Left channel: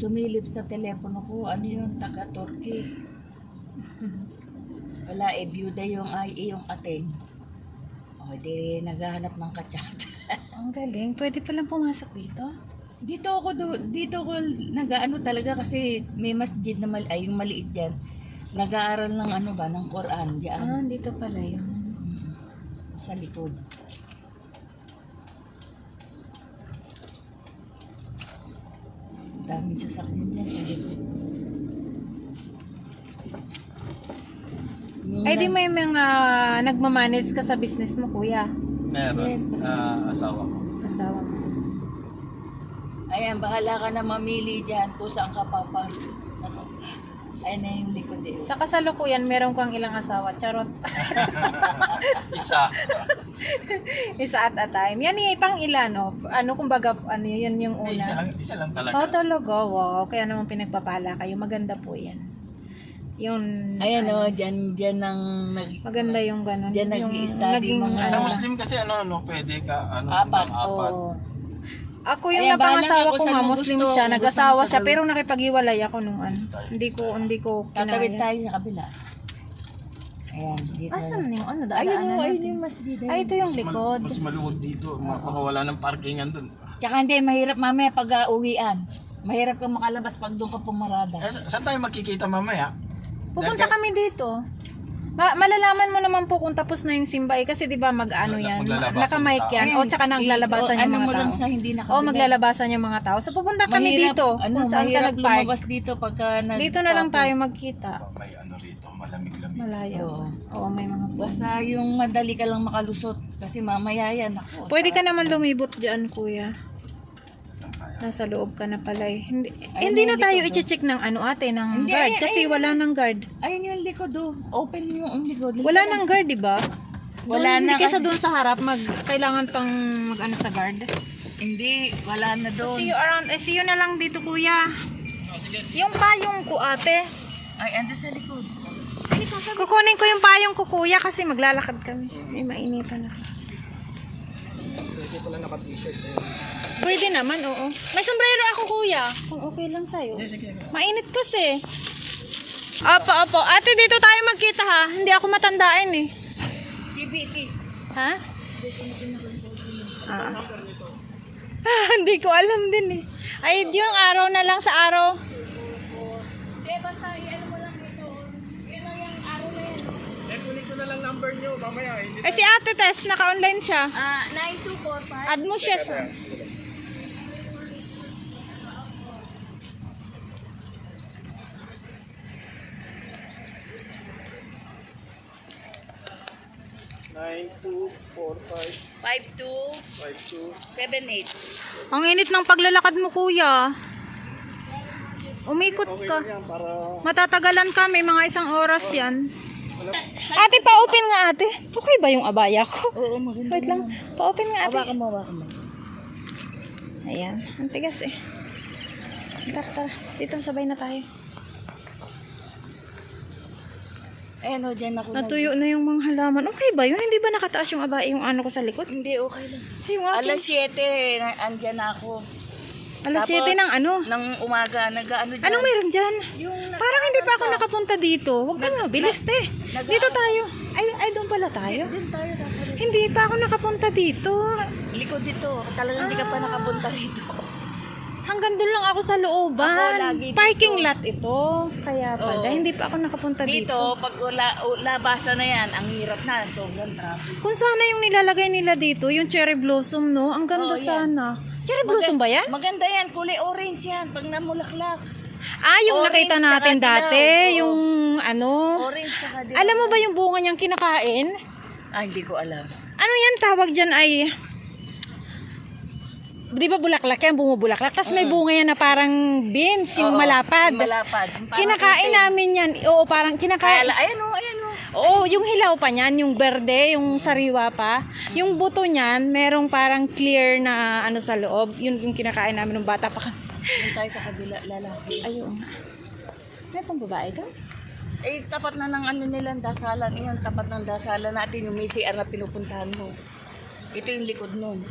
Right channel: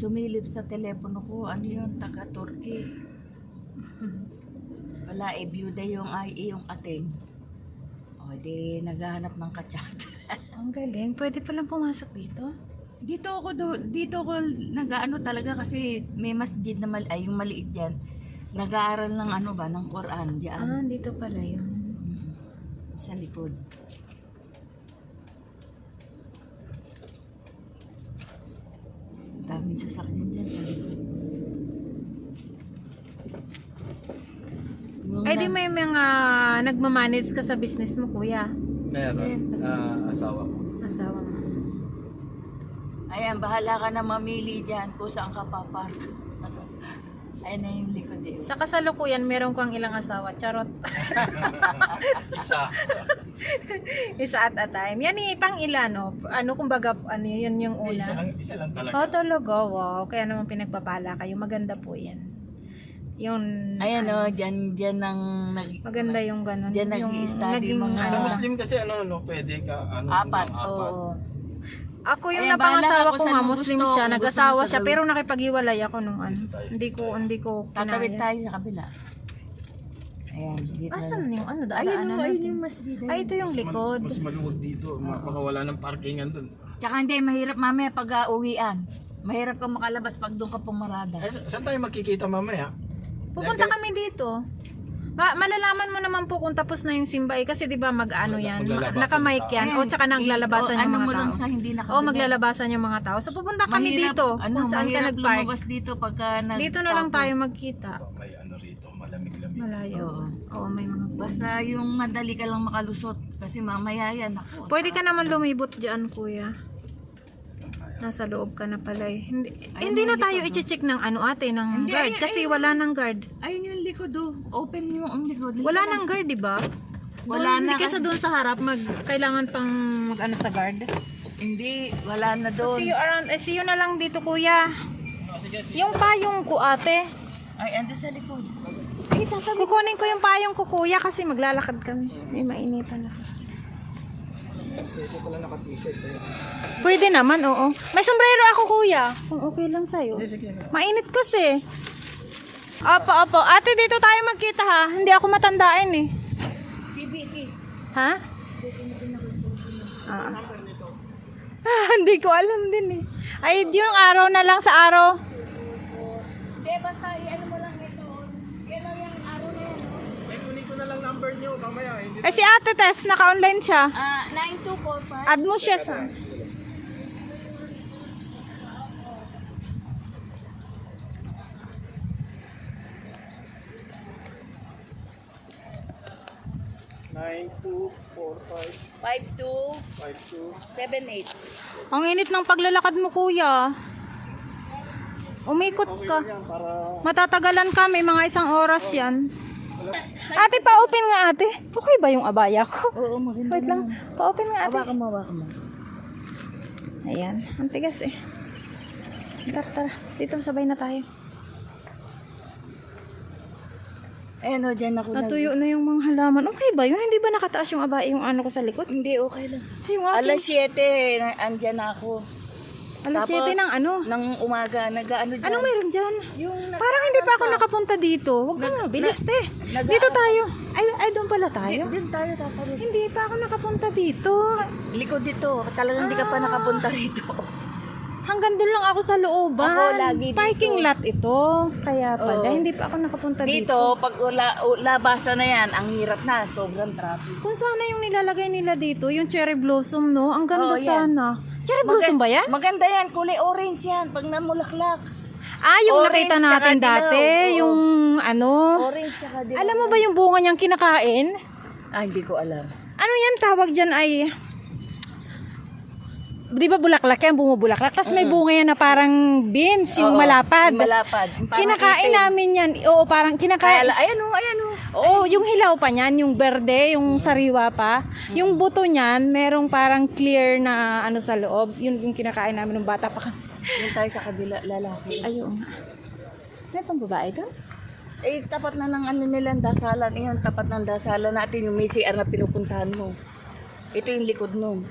Sumilip sa telepono ko, ano yun, taga-Turkey. Wala, byuda yung ating. O, di naghahanap ng kachat. Ang galing. Pwede palang pumasok dito? Dito ko nag-ano talaga kasi may masjid na yung maliit dyan. Nag-aaral ng ng Quran dyan. Dito pala yun. Sa likod. Daming sasakyan dyan sa likod. Ay, di may mga nagmamanage ka sa business mo, kuya. Meron. Asawa ko. Asawa mo. Ayan, bahala ka na mamili dyan kung saan ka papark. Ayan na yung likod eh. Sa kasalukuyan, meron kang ilang asawa. Charot. Isa. Isa at a time. Yan pang ilan, no? Kumbaga, yan yung una. Isa lang talaga. Talaga, wow. Kaya naman pinagpapala kayo. Maganda po yan. Yung, Ayan dyan ang maganda yung ganun. Dyan nag-i-study mga Sa Muslim kasi pwede ka, apat. apat. Oo. Ako yung Ayan, bahala napangasawa ka ko kung saan nga, mo Muslim gusto, siya, kung nag-asawa gusto mo siya, sa pero nakipag-iwalay ako nung Hindi ko tatawid kinaya. tayo sa kabila. Ayan, dito. Asan yung Ayun daanan ayun natin? yung masjid. Ay, ito yung likod. Mas maluwag dito. Baka wala ng parkingan dun. Tsaka hindi, mahirap mamaya pag uwian. Mahirap kang makalabas pag doon ka pumarada. Saan tayo magkikita mamaya? Pupunta kami dito. Malalaman mo naman po kung tapos na yung simba kasi 'di ba yan, Maglalabasan naka-mic yan. Ayan, Tsaka naglalabasan yung mga mo lang tao. sa hindi nakabila. Maglalabasan yung mga tao. So pupunta kami Mahirap, dito. Kung saan ka mahirap nag-park. lumabas dito pagka Dito na lang tayo magkita. May rito, malamig-lamig. Malayo. Oo. Oo, may mga Basta yung madali ka lang makalusot kasi mamaya yan ako. Pwede ka naman lumibot diyan, kuya. Nasa loob ka na pala eh. Hindi na tayo i-check ng ate ng Hindi, guard kasi wala nang guard. Ayun yung likod Open yung likod. Wala nang guard, di ba? Wala na Hindi kaysa kasi- doon sa harap kailangan pang sa guard. Hindi, wala na So doon. see you around. See you na lang dito, kuya. Yung payong ko, ate. Ay, ando sa likod. Kukunin ko yung payong ko, kuya, kasi maglalakad kami. May mainitan ako. Pwede pala naka-t-shirt. Pwede naman, oo. May sombrero ako, kuya. Kung okay lang sa'yo. Sige. Mainit kasi. Opo. Ate, dito tayo magkita ha. Hindi ako matandaan eh. CBT. Ha? Hindi ko alam din eh. Ay, yung araw na lang sa araw. Hindi, basta ano mo lang ito. Yan lang yung araw na yan. Kunin ko na lang number niyo mamaya. Ay, si Ate Tess, naka-online siya. 9245. Add mo siya sa... Nine, 245 5278. 52. Ang init ng paglalakad mo, kuya. Umikot ka. Yan para Matatagalan ka, may mga 1 oras yan. Ate, pa-open nga ate. Okay ba yung abaya ko? Oo, maganda. Wait lang, pa-open nga ate. Hawakan mo. Ayan, ang tigas eh. Tara, dito sabay na tayo. Ayan dyan ako Natuyo na yung mga halaman. Okay ba yun? Hindi ba nakataas yung abaya yung ko sa likod? Hindi, okay lang. Yung aking... Alas 7, andyan na ako. Alas Tapos, 7 ng ano? Nang umaga, nag-ano dyan. Anong meron dyan? Yung Parang hindi pa ako nakapunta dito. Huwag ka nga, bilis te. Dito tayo. Ay, doon pala tayo. Diyan tayo tatarin. Hindi pa ako nakapunta dito. Likod dito. Talagang hindi ka pa nakapunta rito. Hanggang doon lang ako sa Ako, looban. lagi dito. Parking lot ito. Kaya pala, Oo. hindi pa ako nakapunta dito. Dito, pag labasa na yan, ang hirap na. Sobrang traffic. Kung sana yung nilalagay nila dito, yung cherry blossom, no? Ang ganda Oo, yan. sana. Cherry blossom ba yan? Maganda yan. Kulay orange yan. Pag namulaklak. Yung Orange nakita natin tsaka dati, dilaw, oo. yung ano. Orange saka dilaw. Alam mo ba yung bunga niyang kinakain? Hindi ko alam. Ano yan tawag dyan ay... Di ba bulaklak yan, bumubulaklak? Tapos may bunga yan na parang beans, yung Oo, malapad. yung malapad. Parang Kinakain itim. namin yan. Oo, parang kinakain. Ayan o. Oo, yung hilaw pa niyan, yung berde, yung sariwa pa. Yung buto niyan, merong parang clear na ano sa loob. Yun yung kinakain namin ng bata pa. Yung tayo sa kabila, lalaki. Ayun. Ano pang babae to? Tapat na ng ano nilang dasalan. Iyon, tapat ng dasalan natin yung may CR na pinupuntahan mo. Ito yung likod nun.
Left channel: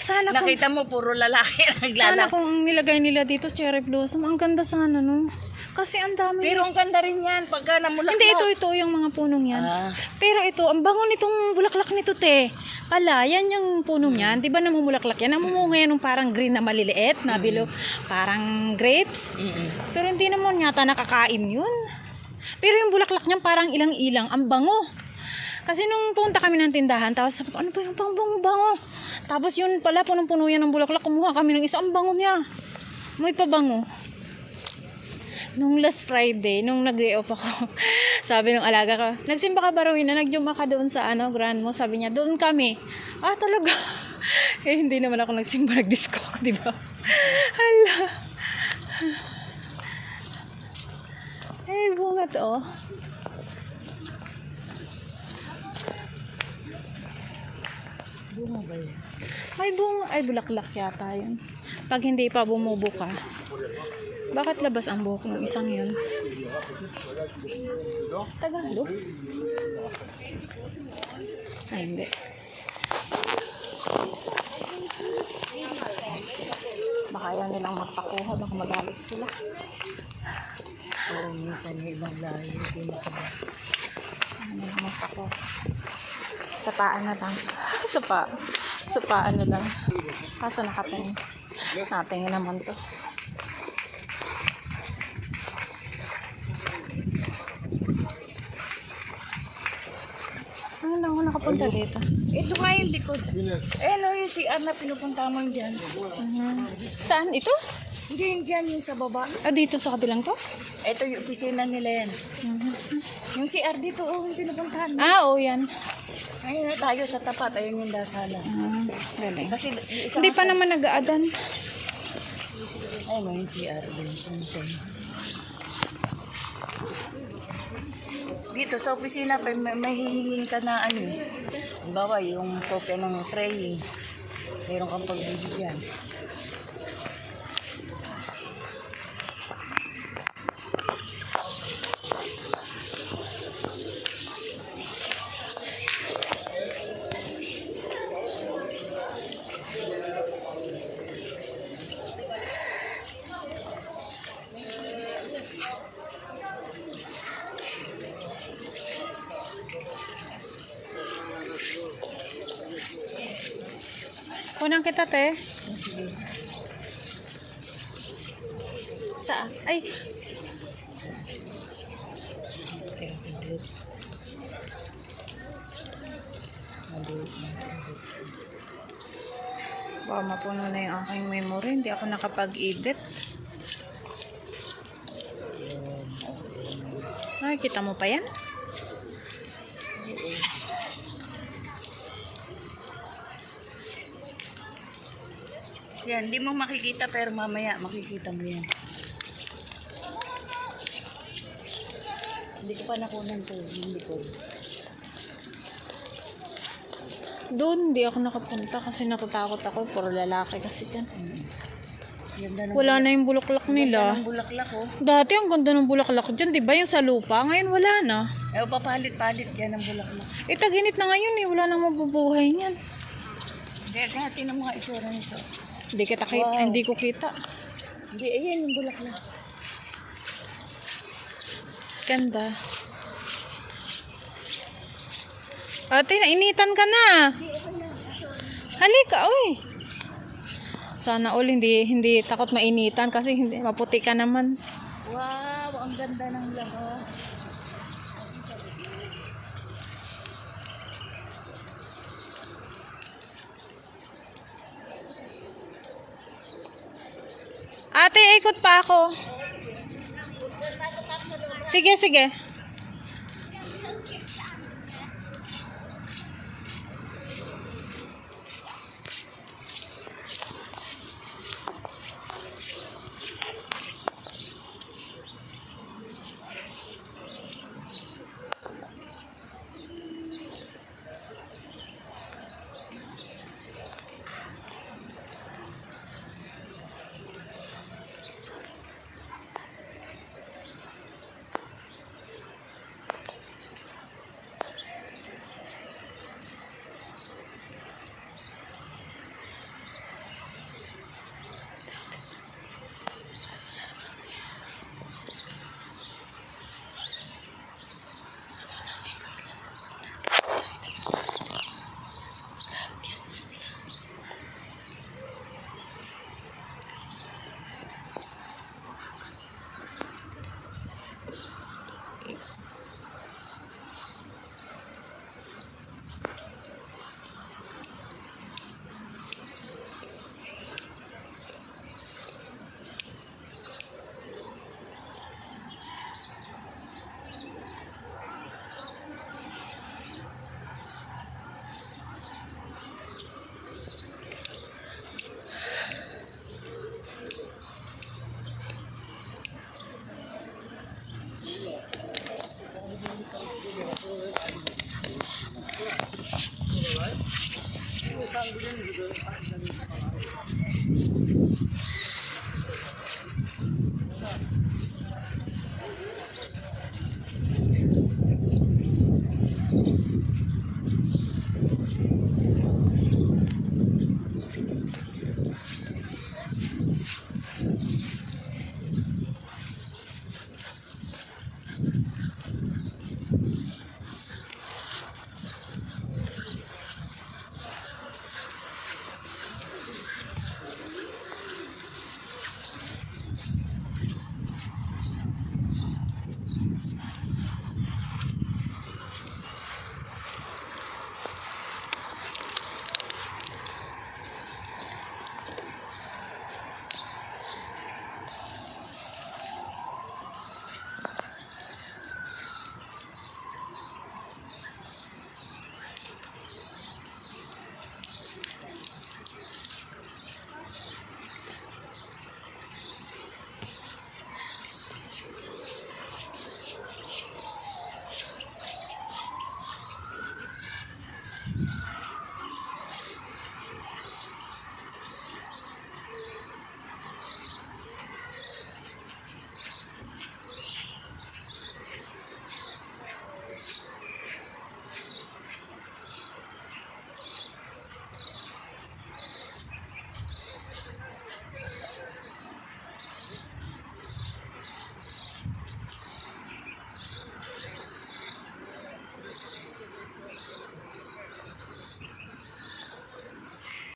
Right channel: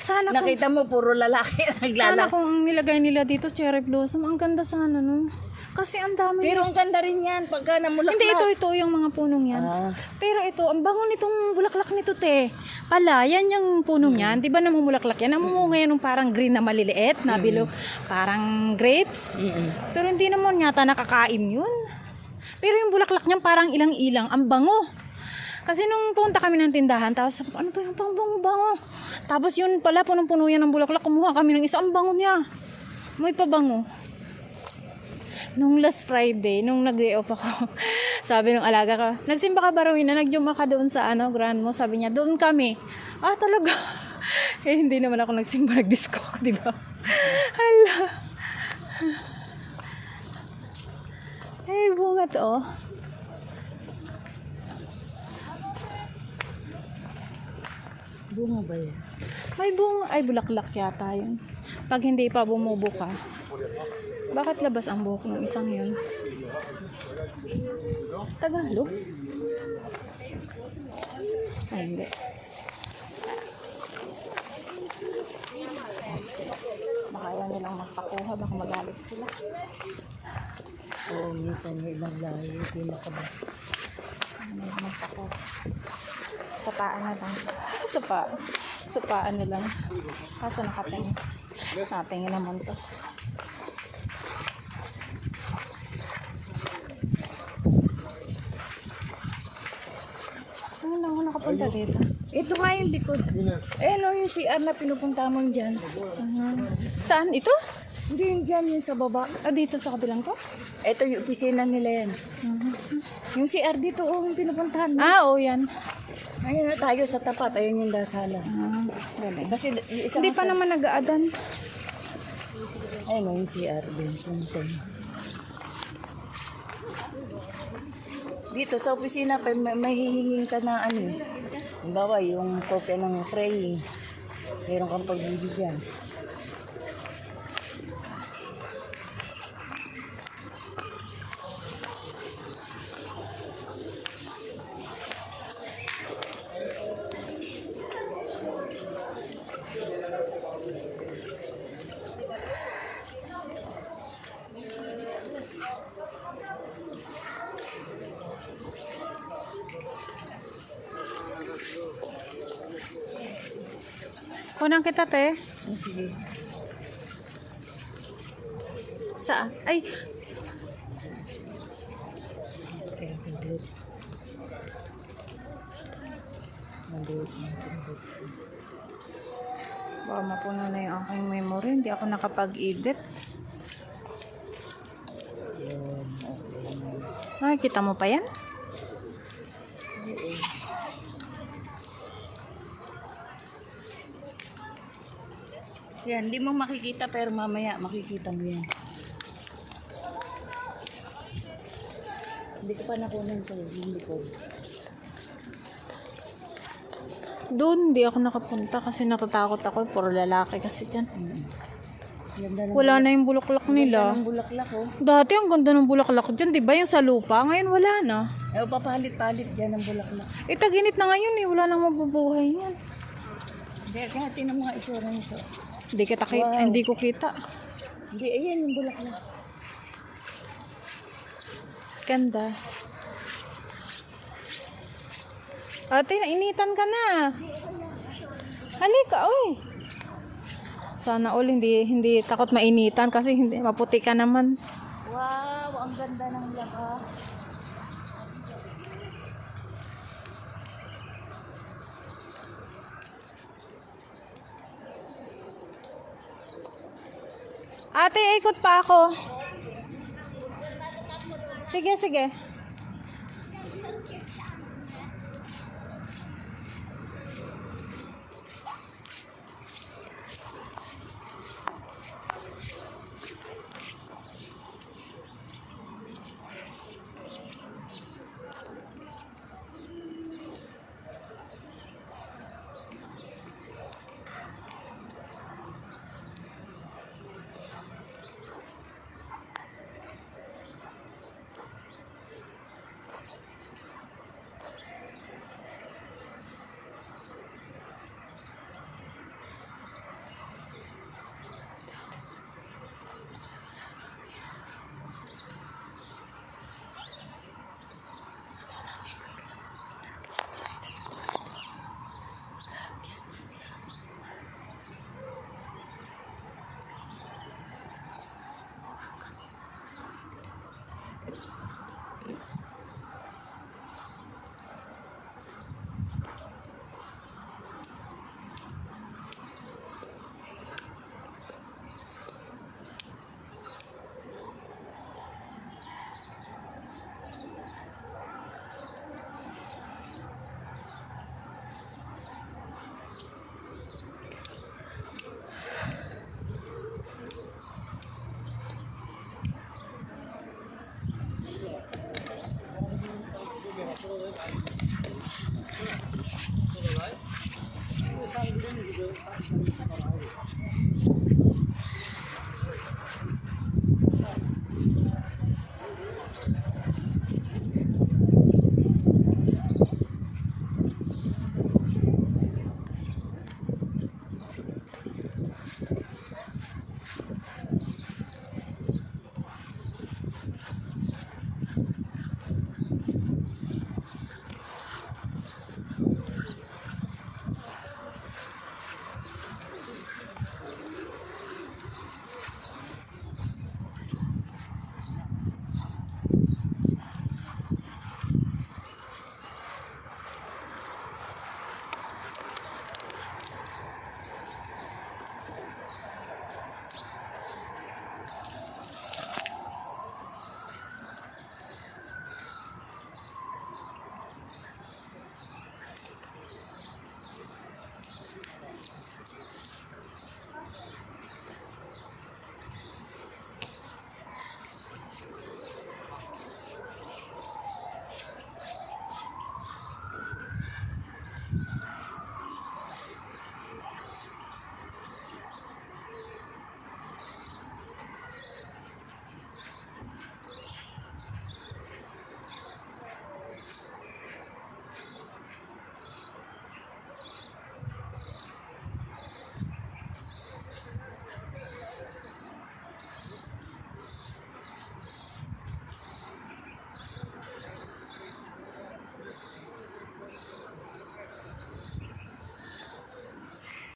Sana kung, Nakita mo, puro lalaki sana naglalaki. kung nilagay nila dito cherry blossom, ang ganda sana no. Kasi ang dami. Pero ang ganda rin yan, pagka namulak Hindi, ito yung mga punong yan. Ah. Pero ito, ang bango nitong bulaklak nito, te. Pala, yan yung punong yan. Di ba namumulaklak yan? Namumunga yan ng parang green na maliliit, na below, parang grapes. Pero hindi naman yata nakakain yun. Pero yung bulaklak niyan parang ilang-ilang. Ang bango. Kasi nung punta kami ng tindahan, tapos sabi ko, ano ba yung pang-bango-bango? Tapos yun pala, punong-puno yan ng bulaklak. Kumuha kami ng isa, ang bango niya. May pabango. Nung last Friday, nung nag-day off ako, sabi ng alaga ko, nagsimba ka ba Rowena? Nagjuma ka doon sa grand mo? Sabi niya, doon kami. Ah, talaga? Eh, hindi naman ako nagsimba, nag-disco ako, di ba? Hala. Ay, bunga to, oh. Bunga ba yan? May bunga, ay, bulaklak yata yun. Pag hindi pa bumubuka. Bakit labas ang buhok ng isang yun? Tagalog? Ay, hindi. Baka ayaw nilang magpakuha, baka magalit sila. Oo, minsan yung ibang layo, hindi makaba. Ayaw nilang magpakuha. Sapaan na lang. Sapaan na lang. Kaso nakatingin. Natingin naman to. Ano lang ako nakapunta dito? Ito nga yung likod. Eh, no, yung CR na pinupunta mo yung dyan. Saan? Ito? Hindi yung dyan, yung sa baba. Ah, dito sa kabilang to? Ito yung opisina nila yan. Yung CR dito, oh, yung pinupuntahan mo. Ah, oo yan. Ayun na tayo sa tapat, ayun yung dasala. Ah, galing. Kasi yung isa Hindi pa naman nag-aadan. Ayun yung CR din. Dito sa opisina, may hihingin ka na ano. Halimbawa, yung kopya ng praying. Meron kang pagbibigyan. Kunang kita, te. Sige. Saan? Ay, baka mapuno na yung aking memory. Hindi ako nakapag-edit. Nakikita mo pa yan? Yan, hindi mo makikita pero mamaya makikita mo yan. Hindi ko pa nakunan to, hindi ko. Doon, hindi ako nakapunta kasi natatakot ako. Puro lalaki kasi dyan. Ganda ng Wala na yung bulaklak nila. bulaklak, oh. Dati ang ganda ng bulaklak dyan, di ba? Yung sa lupa. Ngayon wala na. Eh, papalit-palit yan ang bulaklak. Eh, tag-init na ngayon eh. Wala nang mabubuhay niyan. Hindi, kaya tingnan mo nga itsura nito. Hindi ko kita. Hindi, ayan yung bulaklak. Ganda. Ate, nainitan ka na. Halika, oy. Sana all hindi takot mainitan kasi hindi maputi ka naman. Wow, ang ganda ng laka. Ate, ikot pa ako. Sige, sige.